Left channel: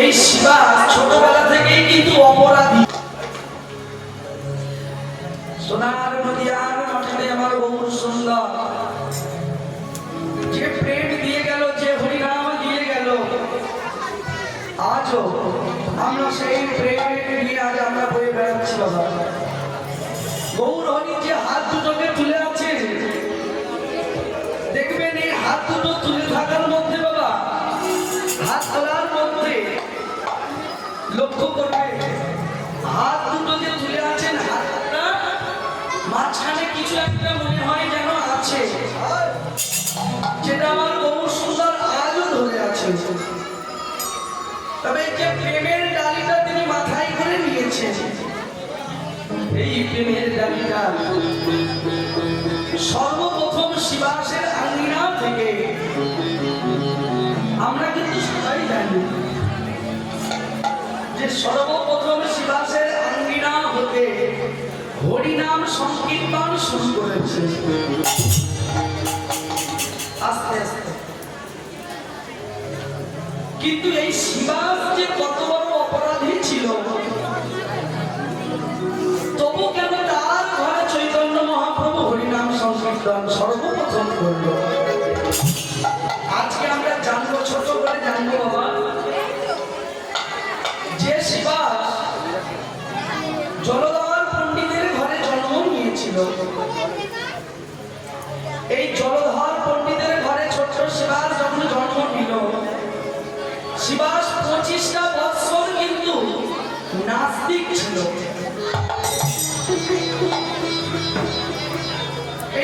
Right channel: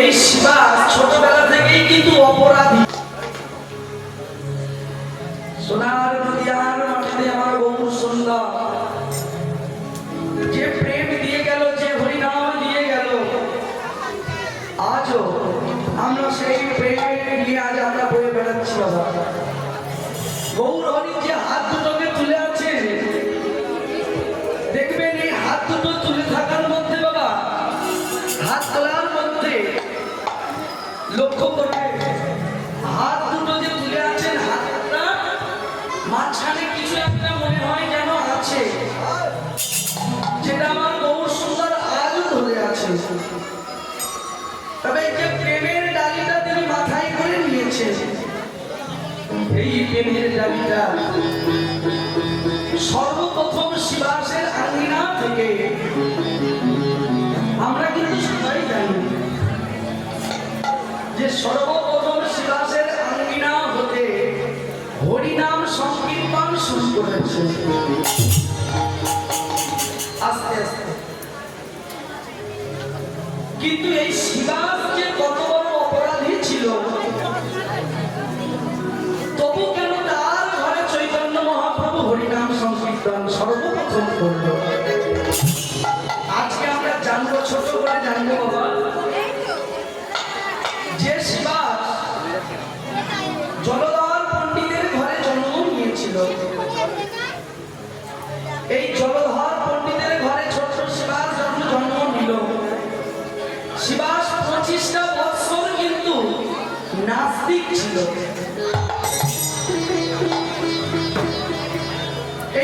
এই শিবা ছোটবেলা থেকেই কিন্তু অপরাধী। সোনার নদিয়ার মাটিতে আমার বহু সুন্দর। যে প্রেম দিয়ে গেল, যে হরিনাম দিয়ে গেল, আজও আমরা সেই প্রেম নিয়ে আজ আমরা বয়ে বেড়াচ্ছি বাবা গৌর হরি আছে। যেটা আমার বহু সুন্দর আজও ধরে আছে। তবে যে প্রেমের ডালিটা তিনি মাথায় করে নিয়েছেন, এই প্রেমের ডালিটা সর্বপ্রথম শিবাসের আঙিনা থেকে আমরা কিন্তু সবাই জানি যে সর্বপ্রথম আস্তে আস্তে। কিন্তু এই শিবাস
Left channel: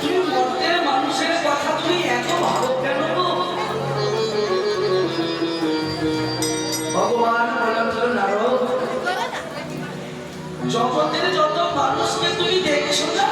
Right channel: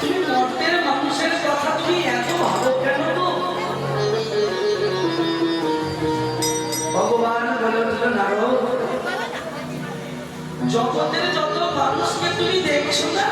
তুমি মর্তের মানুষের কথা তুমি ভগবান জগতের যত মানুষকে তুমি দেখছ না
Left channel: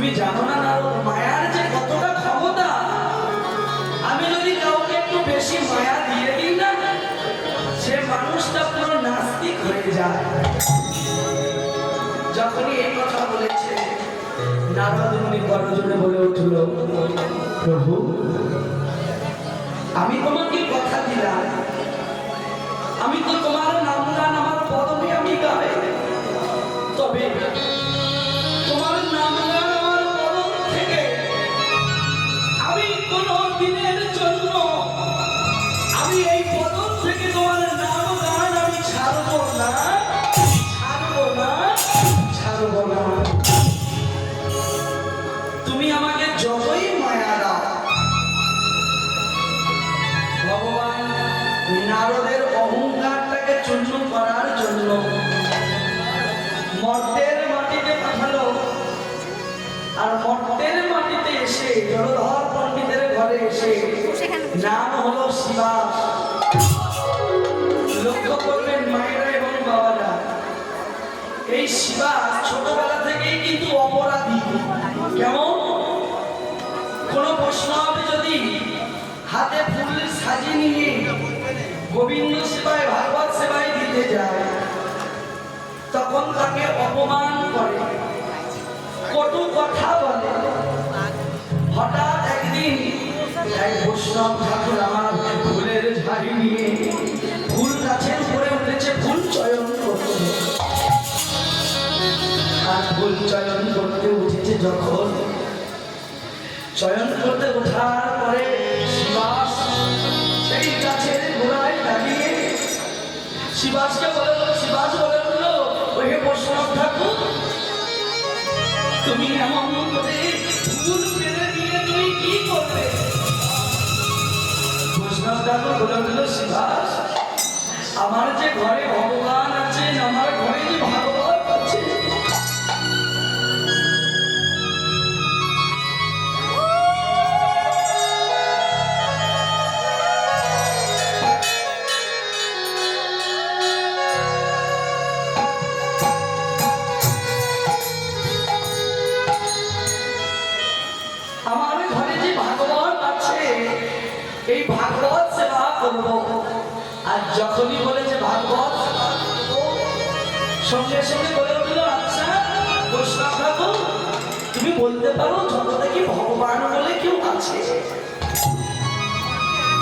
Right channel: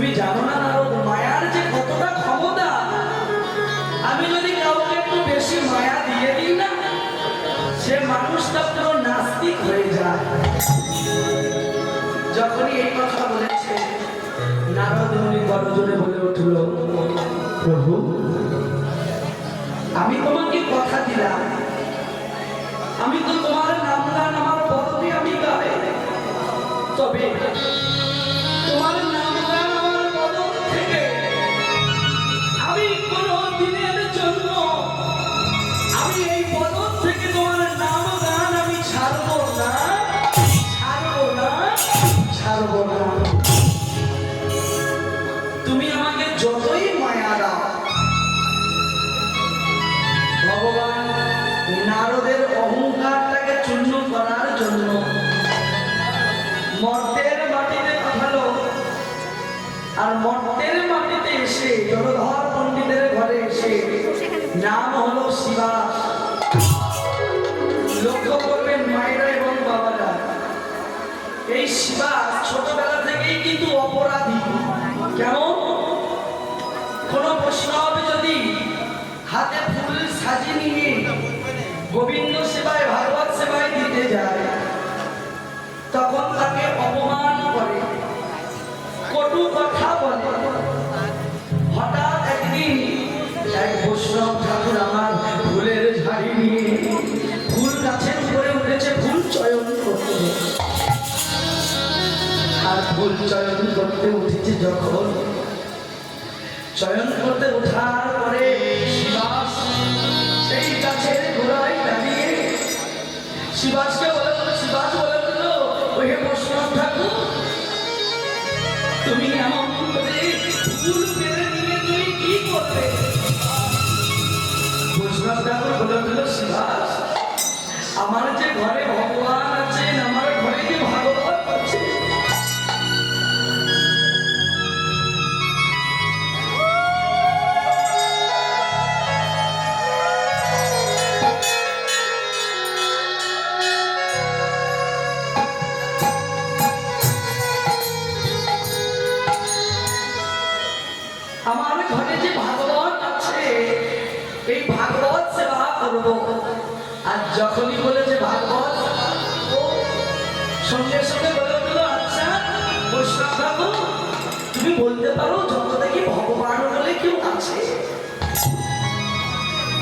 তুমি জানো না নারদ, মায়ার যে কতটা ক্ষমতা? আমি যদি কাউকে একটু বেশি মায়া দিয়ে দিই না, সে মানুষটা পুরো নাস্তিক হয়ে যায়। যখনই এই কথা বলেছে, নারদ মুনি করজোরে বলে উঠল, প্রভু, আমি তোমাকে কথা দিলাম। আমি তো তোমার নাম গান আমার পদবি আমি গাবে। তবে চয়ন করতে উঠেছে যখন। চয়ন করতে ওঠার পরে শিবাস সেই গোড়ায় দাঁড়িয়ে শিবাসকে বলে, শিবাস বলে বৈষ্ণব ঠাকুর, তুমি এমন করে ফুল পেরে নিয়ে কি করবে বৈষ্ণব ঠাকুর বলে শিবাস, আমার যে ঘরে ভগবান আছে সঙ্গে সঙ্গে বলে উঠল আচ্ছা বৈষ্ণব ঠাকুর, তুমি বলতে পারো জগতে কি ভগবান বলে কেউ আছে?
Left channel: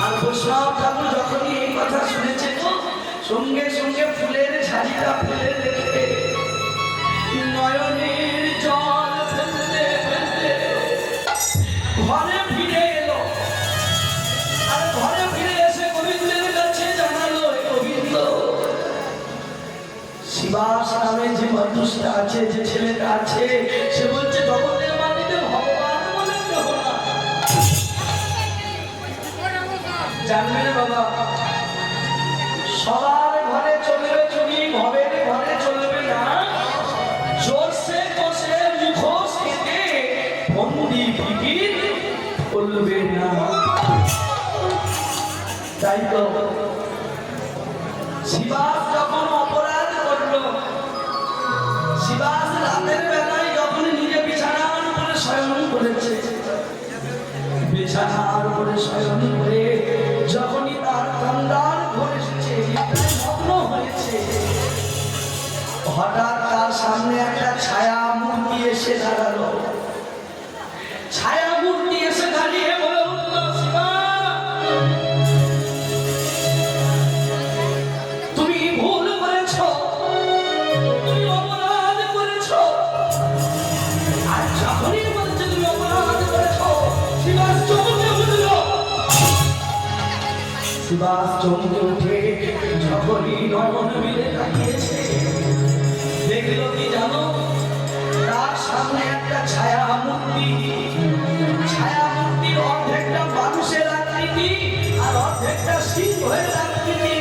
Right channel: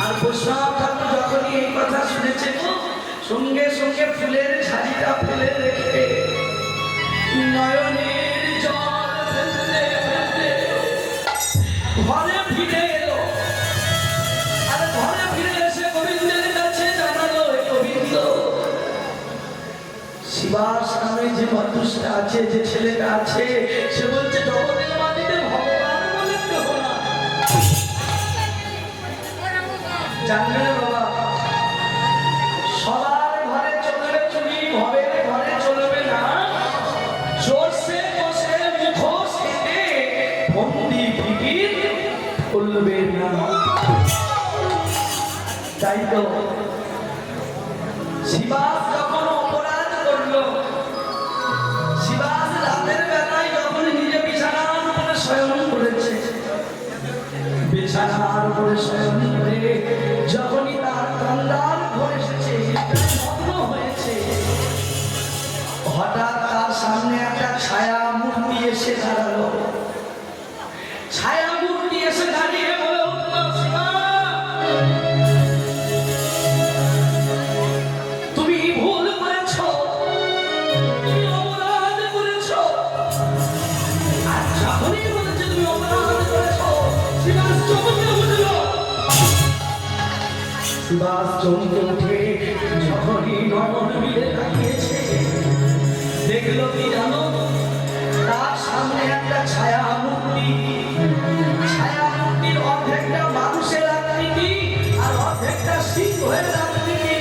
আর বৈষ্ণব ঠাকুর যখনই এই কথা শুনেছে তো সঙ্গে সঙ্গে ফুলের ঝাড়িটা ফেলে রেখে, নয়নের জল শিবাস নামে যে মানুষটা আছে, যে ছেলেটা আছে, সে বলছে, জগতের মাটিতে ভগবান বলে কেহ না। জানবে না বাবা, সবার ঘরে চলবে চুরি ঘরের ঘরে চলবে না। জোরসে বসে মুখোশ করবে না। তাই তো, শিবাস হঠাৎ তার সামনে একটা ছায়া মূর্তি এসে দাঁড়াল। শিবাস চমকে উঠে যখনই নয়ন মিলে তাকিয়েছে। দেখল কি জানো? তার সামনে একটা ছায়া মূর্তি ছায়া মূর্তির অর্ধেকটা মানুষের আকৃতি আর অর্ধেকটা সিংহের আকৃতি।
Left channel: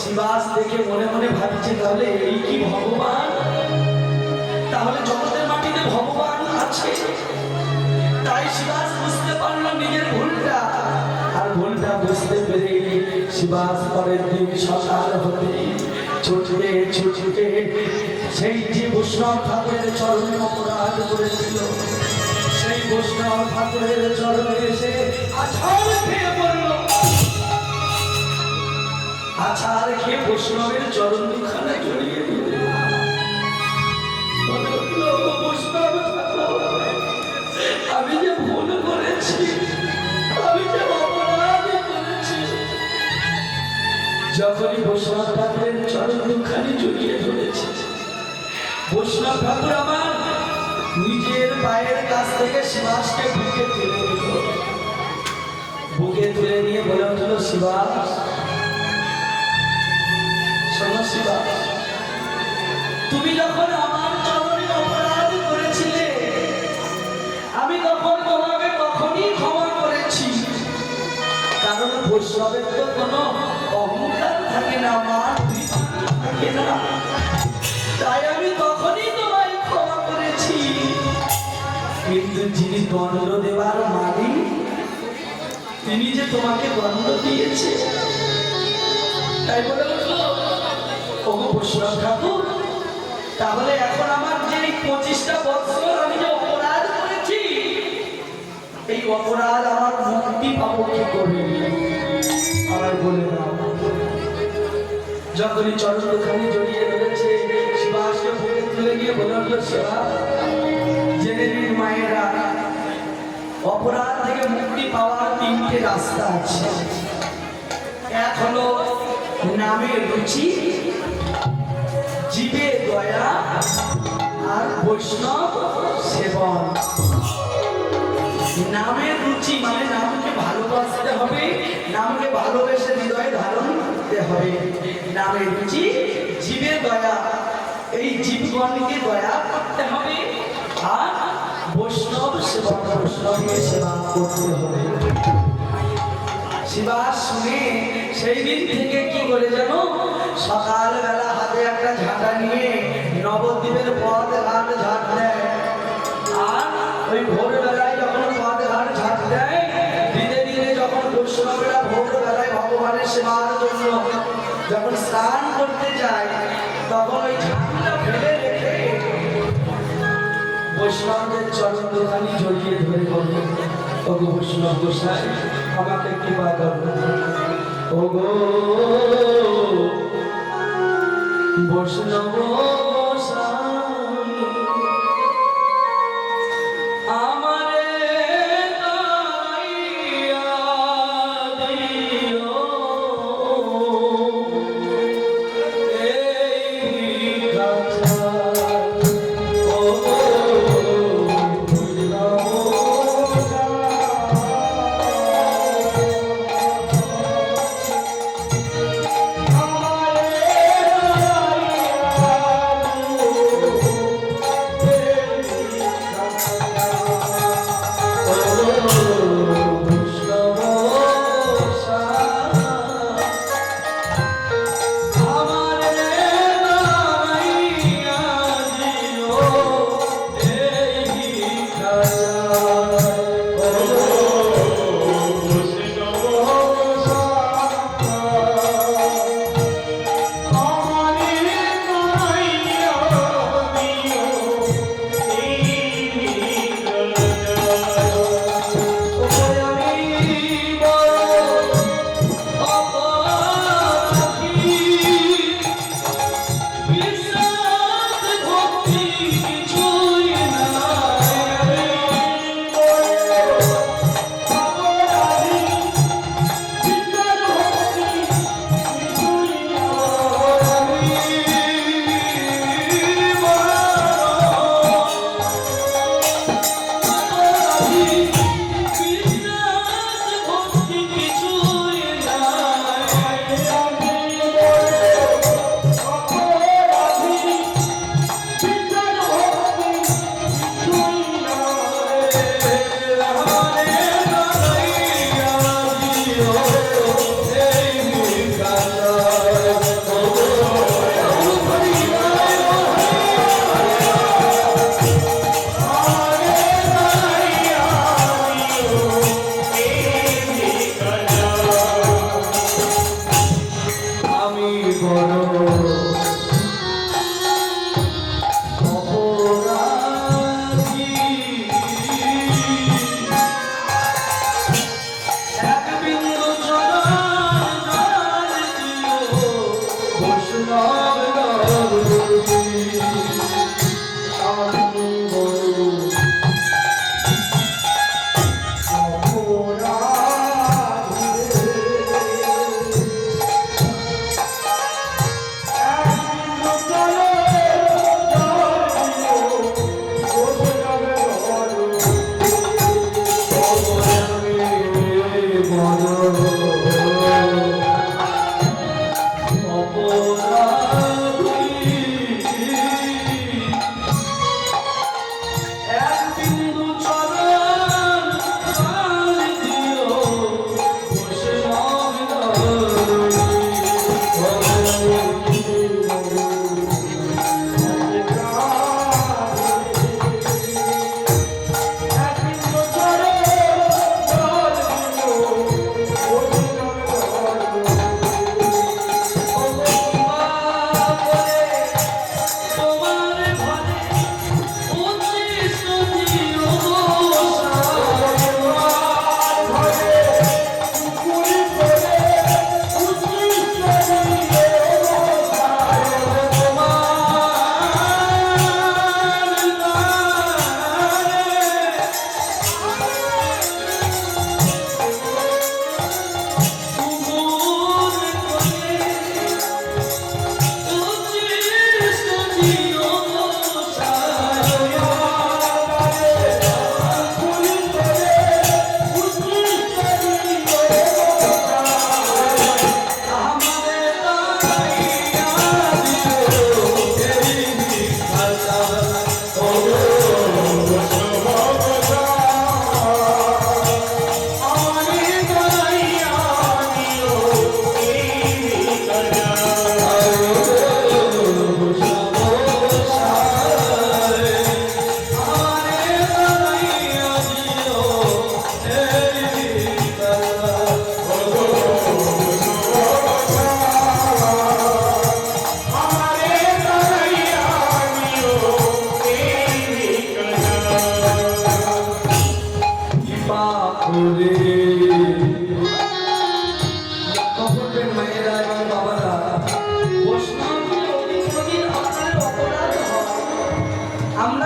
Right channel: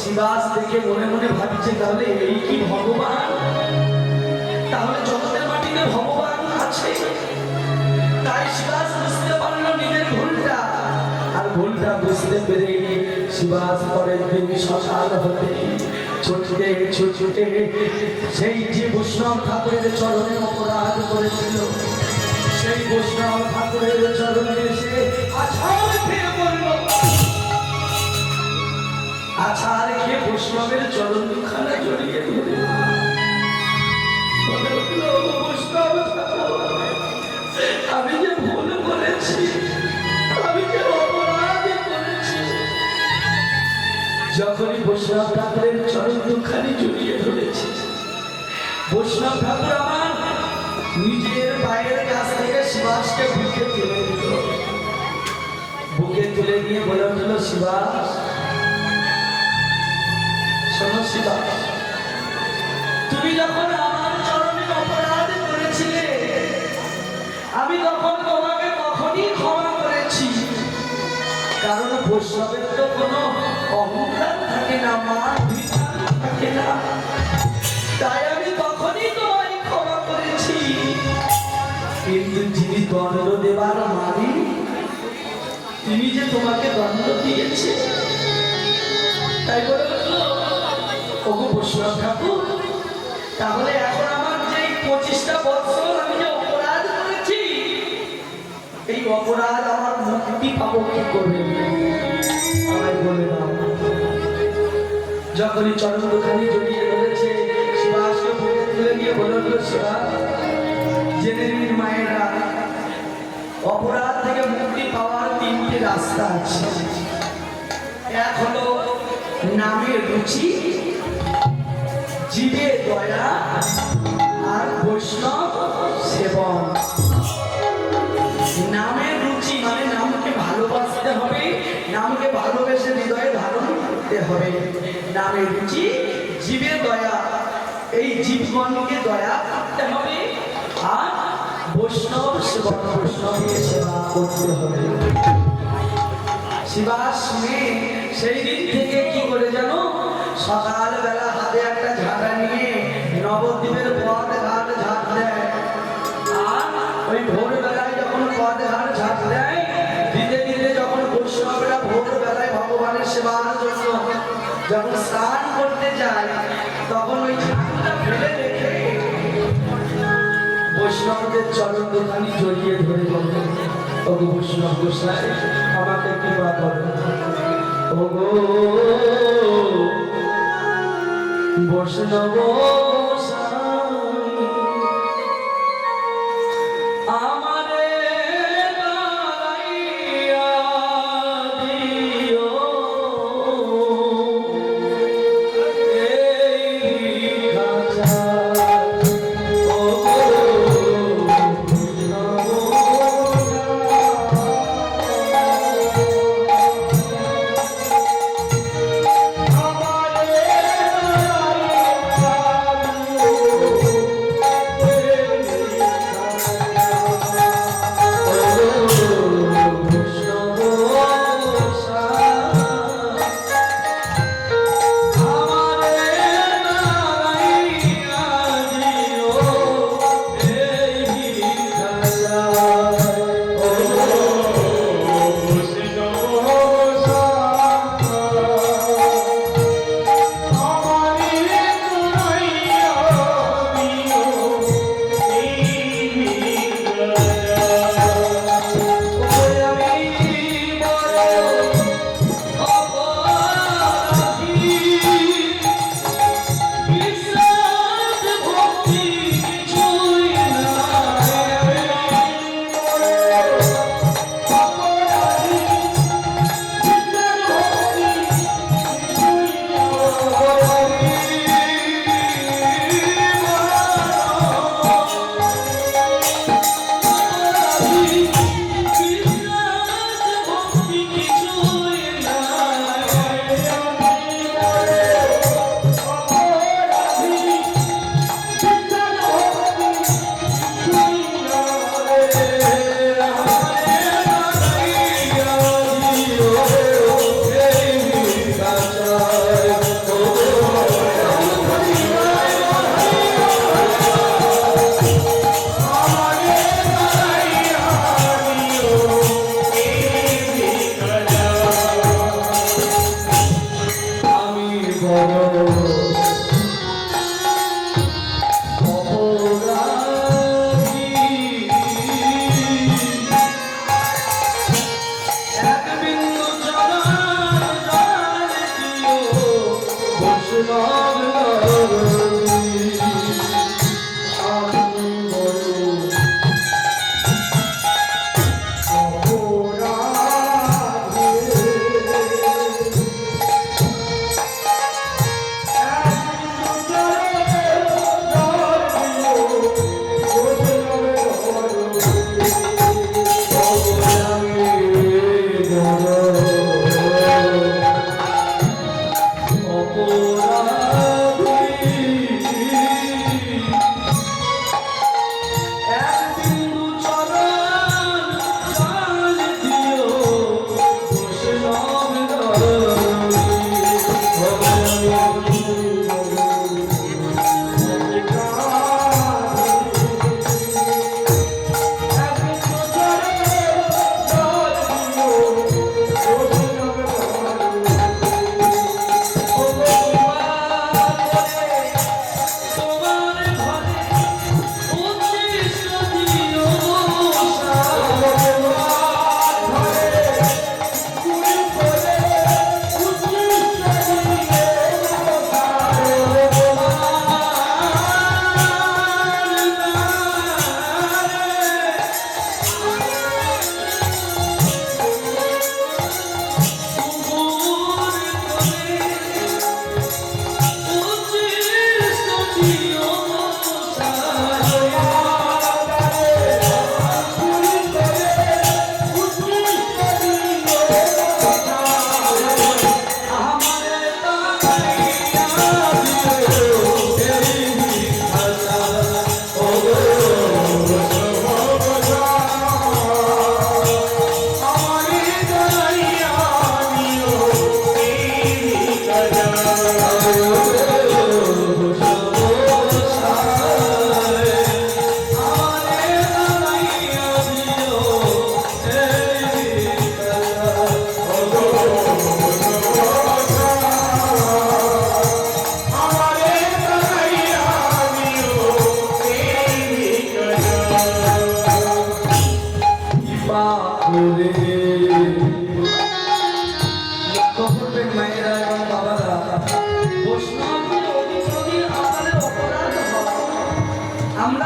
শিবাস দেখে মনে মনে ভাবছে, তাহলে এই কি ভগবান? তাহলে জগতের মাটিতে ভগবান আছে। তাই শিবাস বুঝতে পারল নিজের ভুলটা। ভুলটা বুঝতে পেরে শিবাস পরের দিন সকাল হতে। ছুটতে ছুটতে সেই যে বৈষ্ণব ঠাকুরের চরণে অপরাধ করেছিল সেই বৈষ্ণব ঠাকুরের চরণে এসে আছাড় খেয়ে বৈষ্ণবের চরণ দুখানে জড়িয়ে ধরে মনে হলো, "ও বৈষ্ণব ঠাকুর, আমি যে যখনই বৈষ্ণব ঠাকুরের চরণ দুখানি জড়িয়ে ধরেছে, বৈষ্ণব ঠাকুর আমার নিজের বাইরের কাছ থেকে শিবাসকে বুকে তুলে দিল। বুকে তুলে নিয়ে বলে উঠল শিবাস শোনো শিবাস তুমি যখন আমার চরণে অপরাধ করেছিলে, আমি তখন তোমাকে তখনই ক্ষমা করেছি। কারণ বৈষ্ণবের তো কোনো তাই আমি তখনই মালিক, তিনি যে তোমাকে দণ্ড তাই বলে ওগো ঠাকুর, তাহলে এখন আমার যে পঁচিশটা বছর আমি অপরাধ করেছি, এই অপরাধ আমার মুক্তি পাবো কি করে? আমায় বলে দাও। যখনই চরণখানি জড়িয়ে ধরেছে শিবাসকে নিয়ে সেবা জেনে নিন মায়েরা, অপরাধ থেকে মুক্তি পাওয়ার তিনটে রাস্তা আছে। এক হলো রুচি জীবে দয়া আর বৈষ্ণব সেবন। নামের রুচি মানে নামকে ভালোবাসতে হবে, নামকে ভালোবেসে হৃদয়ে ধারণ করতে হবে। নামে রুচি জীবের দয়া। এই জীবনকে দয়া করতে হবে আর বৈষ্ণব সেবা বৈষ্ণবের সেবা করতে হবে। সেবা শুনে সেই দিন থেকে কি করে জানো? সকালবেলা হাতে একটা বৈষ্ণব আমাকে কৃপা করো ও বৈষ্ণব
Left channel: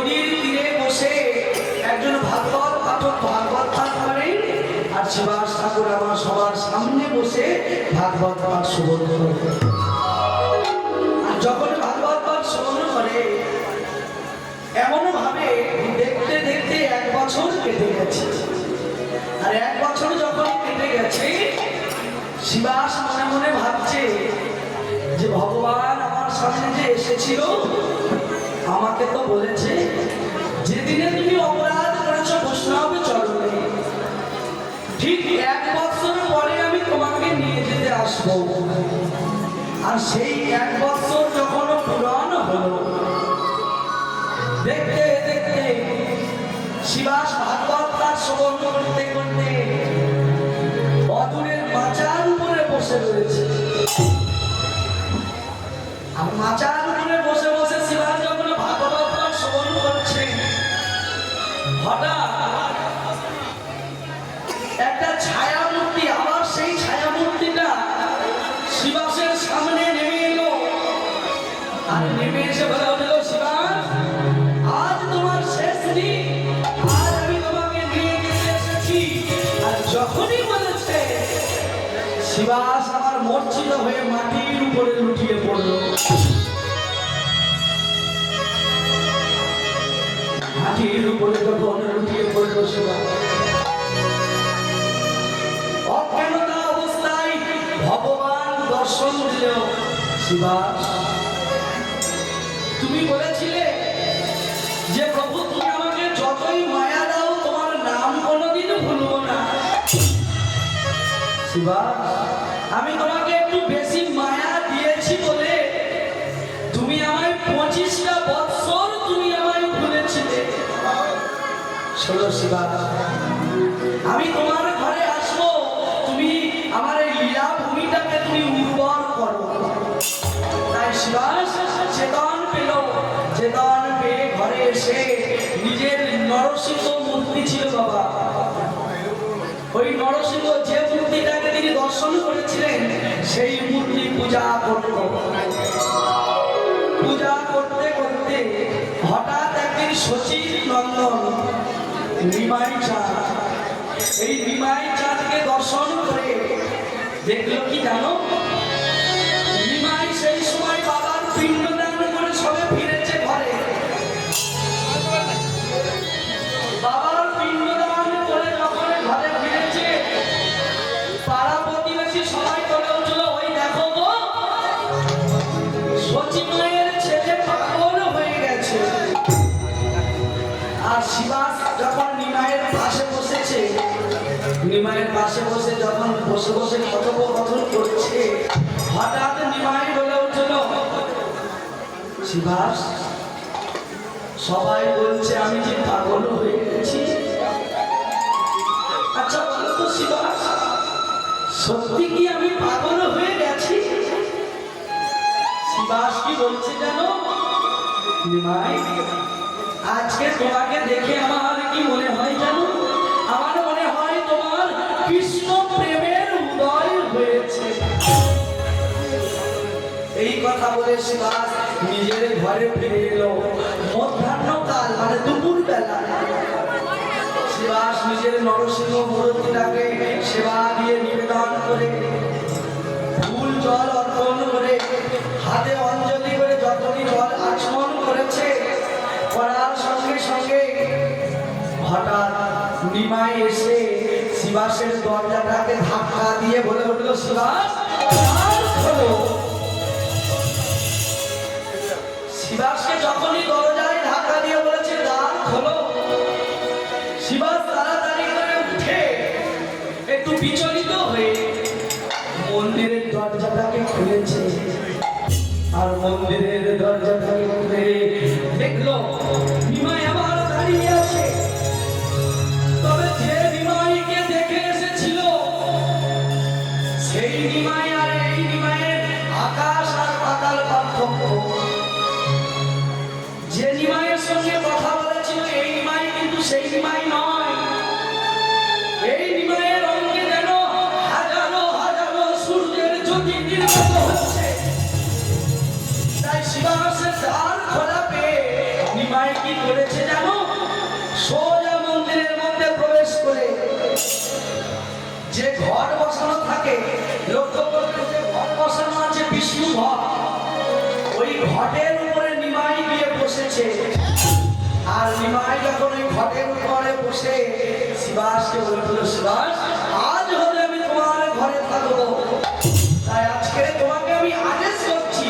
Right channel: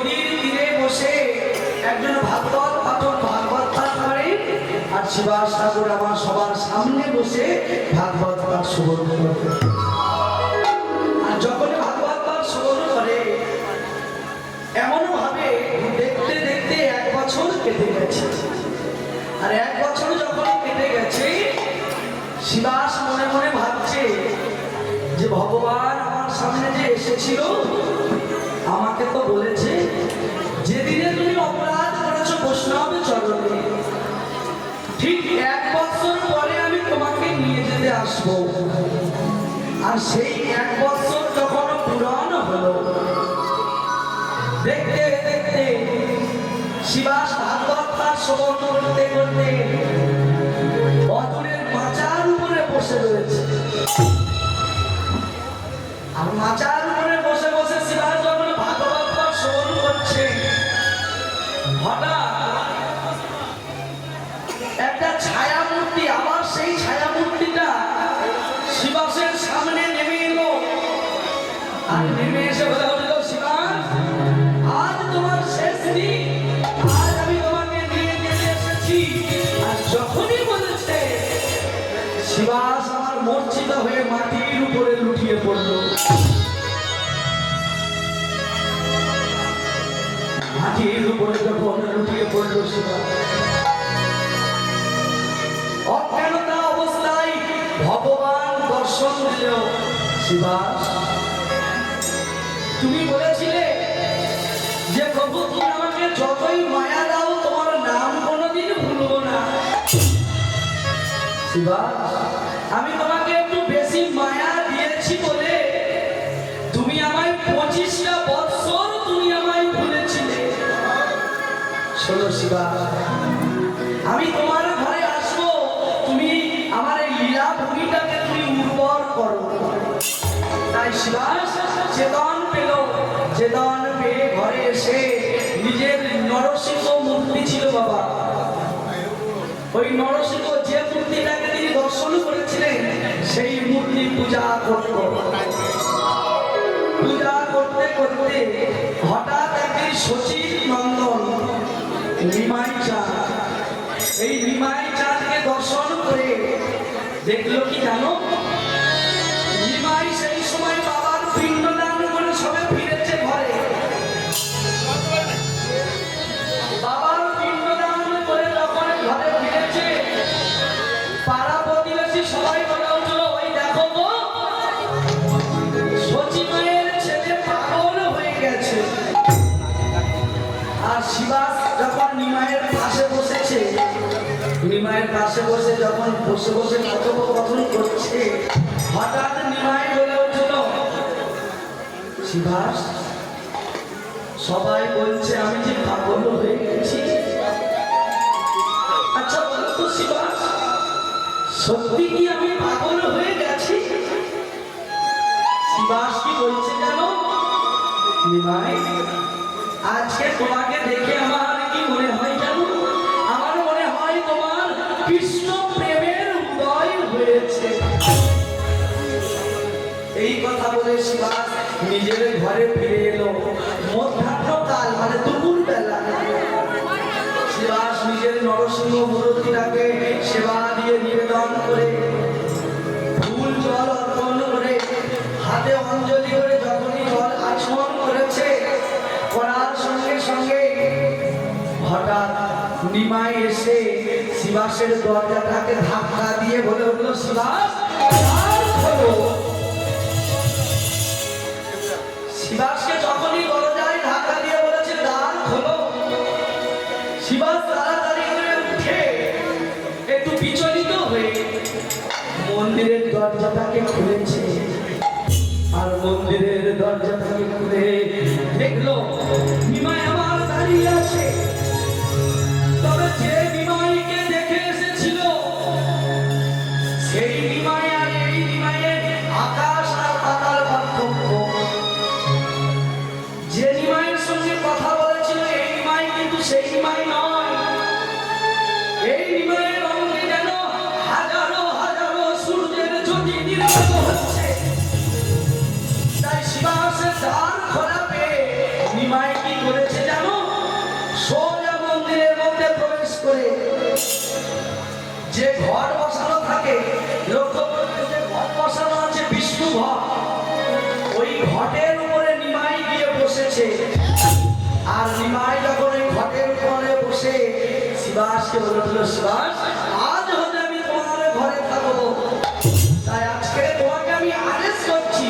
নদীর তীরে বসে একজন ভাগবত পাঠক ভাগবত পাঠ করেন। আর শিবাস ঠাকুর আমার সবার সামনে বসে ভাগবত পাঠ শ্রবণ করে আর যখন ভাগবত পাঠ শ্রবণ করে এমন ভাবে দেখতে দেখতে এক বছর কেটে গেছে। আর এক বছর যখন কেটে গেছে শিবাস মনে মনে ভাবছে যে ভগবান আমার সামনে যে এসেছিল আমাকে তো বলেছে, যেদিনে তুমি অপরাধ করেছ, বৈষ্ণব চরণে। ঠিক এক বছর পরে আমি তোমাকে নিয়ে যেতে আসব। আর সেই এক বছর যখন পূরণ হলো, দেখতে দেখতে শিবাস ভাগবত তার শ্রবণ করতে করতে অদূরের মাচার উপরে বসে রয়েছে। আর মাচার একটা ছায়া আবার সেই শিবাসের সামনে নেমে এলো। আর নেমে আর যখনই শিবাস আমার মূর্ছিত হয়ে মাটির উপরে লুটিয়ে পড়ল। লুটিয়ে পড়ল শিবাস তুমি বলেছিলে যে প্রভু, তুমি আমাকে যতই মায়া দাও, তোমার নাম কোনোদিন ভুলবো না। শিবাস আমি তোমাকে একটু বেশি মায়া দিয়েছি বলে তুমি আমায় পঁচিশটা বৎসর তুমি আমায় ভুলেছিলে। শোনো শিবাস আমি তোমার নরসিংহ যে মূর্তিটাকে তিনি দর্শন করেছিলেন, সেই মূর্তি পূজা করত পূজা করতে করতে হঠাৎ একদিন সচিব নন্দন, নিমাই চাঁদ, এই নিমাই চাঁদকে দর্শন করে দেখল কি জানো? আজকে তোমাকে দেখে আমার কি মনে হয় জানো? আমার মনে হয় তোমার কৃষ্ণ প্রেমের উদয় হয়েছে। এই কথা বলে শিবাস নিজের ঘরে ফিরে এলো। মধ্যাহ্নকাল মানে দুপুর বেলা শিবাস নিজের নরসিংহ মূর্তিটাকে সেবা দিয়ে নিবেদন করে, ফুল জল অর্পণ করে হাতে নিমাই এসে শিবাসের দরজাটাকে ধাক্কা দিয়ে বলে উঠল, শিবাস। শিবাসকে যখনই দরজায় ধাক্কা দিয়ে বলেছে, দ্বার খোলো শিবাস তাড়াতাড়ি করে উঠে একটু বিচলিত হয়ে মন্দিরের দরজাটাকে খুলেছে আর মন্দিরের দরজাটাকে খুলে দেখল নিমাই শিবাসকে বলেছিল শিবাস আজ হতে আমি তোমার ঘরে থাকব। তাই আজকে তোমাকে আমি আদেশ করছি।